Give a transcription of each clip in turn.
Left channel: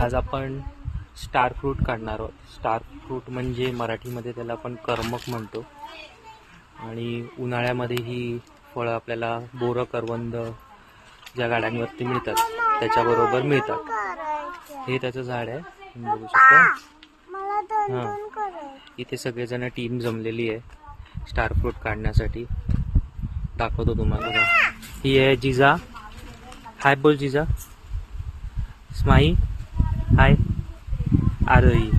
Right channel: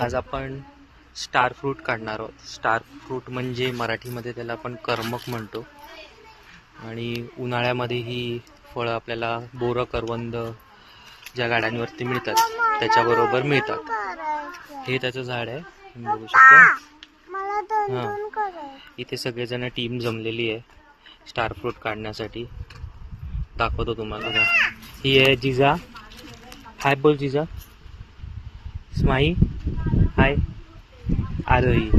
आज आपण star fruit काढणार आहोत. स्टार फ्रूट म्हणजे मराठीमध्ये त्याला आपण करमक म्हणतो. आणि उन्हाळ्यामध्ये ही फळं आपल्याला बोरं, करवंद ज्या गाड्यांवरती मिळतात त्याच्याबरोबर मिळतात. हे त्याचं झाड आहे, तुम्ही बघू शकता. हां, इथे सगळेजण टीम जमलेली आहे स्टार फ्रूट काढण्यासाठी. दाखवतो तुम्हाला. ही आहे जिजा. हाय बोल जिजा. स्माई हाय. आरोही.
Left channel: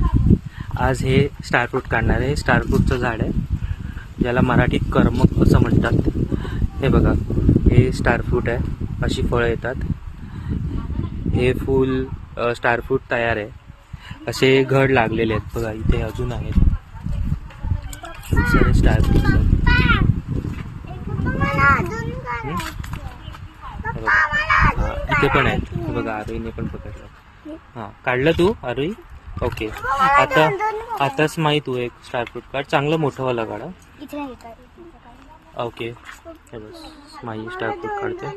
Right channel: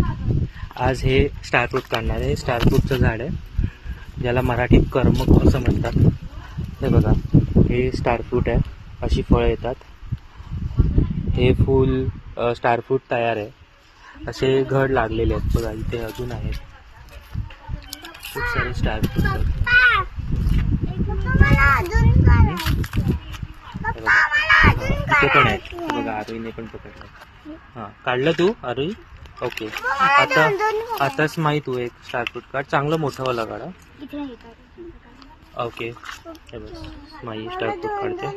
आज हे स्टार फ्रूट काढणार आहे. स्टार फ्रूटचं झाड आहे ज्याला मराठीत करमक असं म्हणतात. हे बघा, हे स्टार फ्रूट आहे. अशी फळं येतात. हे फुल स्टार फ्रूट तयार आहे. असे घड लागलेले आहेत बघा, इथे अजून आहेत खूप सारे स्टार फ्रूट आहेत. इथे पण आहेत बघा. आरोहीने पण पकडलं. हां, काढलं तू आरोही? ओके. आताच माहीत तू एक स्टार फ्रूट काढ, चांगलं मोठं वाला काढा. ओके. हे बस, माई स्टार फ्रूट काढते.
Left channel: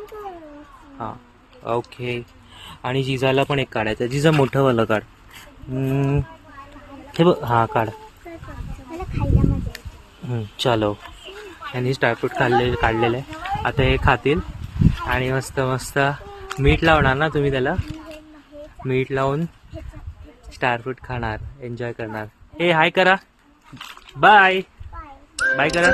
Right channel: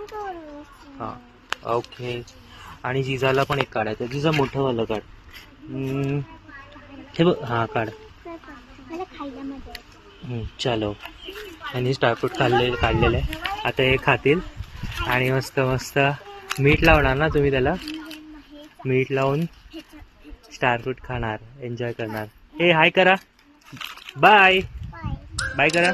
हां, ओके. आणि जिजाला पण एक काढायचं. जिजा मोठं वाला काढ. हे बघ. हां, काढ. चलो. यांनी स्टार फ्रूट काढलेलं आहे. आता हे खातील आणि मस्त मस्त मीठ लावणार ना तुम्ही त्याला. मीठ लावून स्टार फ्रूट खाणार, एन्जॉय करणार. हे हाय करा. बाय बाय करा.